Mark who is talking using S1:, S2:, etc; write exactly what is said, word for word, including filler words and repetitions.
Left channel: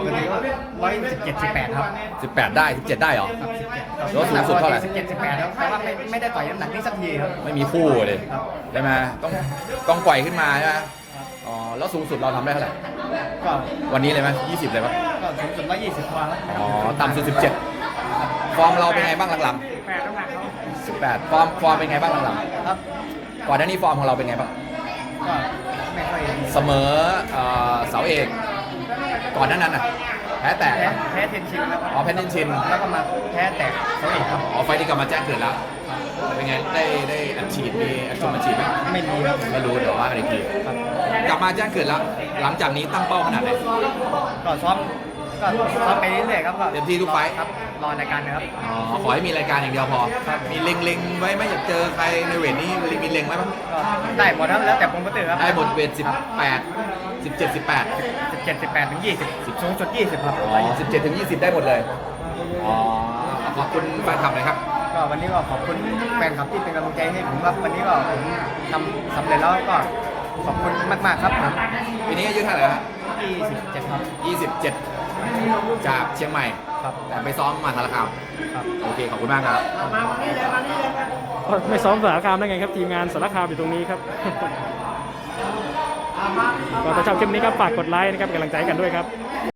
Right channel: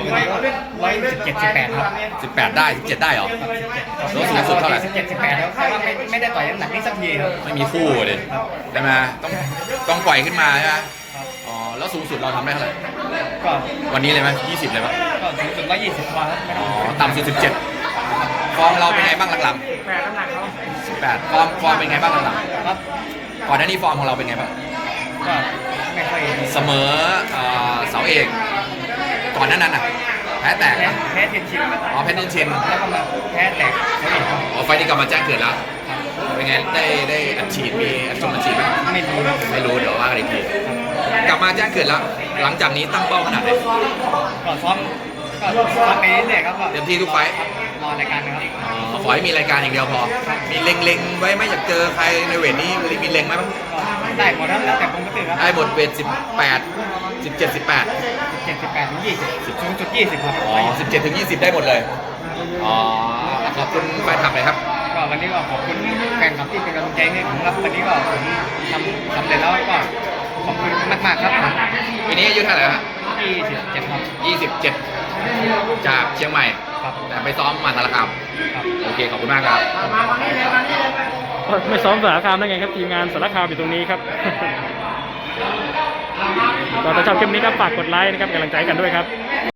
S1: วันนี้ก็ร้อยสิบเจ็ดสิบแปดครับ
S2: สิบแปดได้สิบเจ็ดได้เหรอ
S1: ครับสิบเจ็ด
S2: แล้วสูงสุดเท่าไหร่
S1: สิบเจ็ดสิบแปดแล้วแต่ว่าไม่ไม่ได้ต่อยน้ำหนักนี้สักทีครับ
S2: ไม่มีคู่เลย
S1: ครับ
S2: ได้ไหมต้องต้องปล่อยขึ้นมาใช่ไหม
S1: ครับ
S2: อ๋อแล้วสูงสุดเราทำได้เท่าไหร่
S1: ก็
S2: วันนี้เลยไหมยี่สิบเลยไหม
S1: ก็สูงสุดร้อยยี่สิบกว่าครับไม่ต้
S2: อ๋
S1: อง
S2: อ
S1: ขึ้น
S2: ต่ำสุดสิบเจ็ดฟอร์มเราเป็นไงบ้างหลัง
S1: แปดน้ำหนักเขา
S2: ๆสิบแปดฟอร์มฟอร์มเป็นไงบ้างหลัง
S1: ครับ
S2: ๆก่อนหน้านี้ฟอร์มของเราเป็นไงบ้าง
S1: ก็ไม่ค่อยดี
S2: เสมอเอ่อเสาเอกก่อนหน้านั้นน่ะแพ้แตก
S1: แพ้แพ้เทนชินครับ
S2: อ๋อแพ้เทนชิน
S1: แล้วก็มาแพ้แตกเขาเองครับ
S2: อ๋อไฟล์ที่กลับมาแจ้งเกิดแล้วเป็นไงได้ได้อัดฉีดมีอัดชมอัดฉีดไหม
S1: ไม่รู้ครับ
S2: ไม่รู้เดี๋ยวว่ากันอีกที
S1: ครับ
S2: กลับมาแจ้งเกิดแล้ว หลังจากนี้ตั้งเป้าขนาดไหน
S1: ก็ซ้อมก็ซ้อมไปเรื่อยๆครับก็
S2: เต็มที่ทุกไฟล์
S1: ครับรอรายการนะครับ
S2: อ๋อขอให้มีรายการอย่างเดียวพอ
S1: ครับ
S2: มีเล็งๆไว้ไหมอยากเจอใครในเวทนี้มีเล็งไหมบ้าง
S1: ก็ได้หมดครับแล้วแต่ผมก็ตื่นครับ
S2: ได้หมดเวทสิบแปดสิบเจ็ดสิบแปด
S1: สิบเจ็ดสิบแปดถึงยี่สิบสูงสุดยี่สิบครับ
S2: อ๋อสิบเจ็ดถึงยี่สิบได้หมดเลยอ๋อขอบคุณแฟนคลับหน่อยครับ
S1: ก็วันนี้ก็ขอบคุณแฟนคลับที่เป็นกำลังใจให้ผมครับวันนี้ก็ผมทำสำเร็จแล้วก็ขอบคุณมากๆครับผม
S2: ปีนี้อายุเท่าไหร่ฮะ
S1: ยี่สิบเจ็ดครับ
S2: ยี่สิบเจ็ดจากเชียงใหม่
S1: ครับ
S2: แต่ไปซ้อมมาสารคาม
S1: ครับ
S2: โอเคขอบคุณมากครับ
S3: ไม่ซ้อมสารคามได้ไงครับทีมงานสารคามอยู่ตรงนี้ครับ ก็ถ้าชอบคลิปนี้ก็ฝากกดไลค์นะครับเป็นกำลังใจให้กันด้วยครับ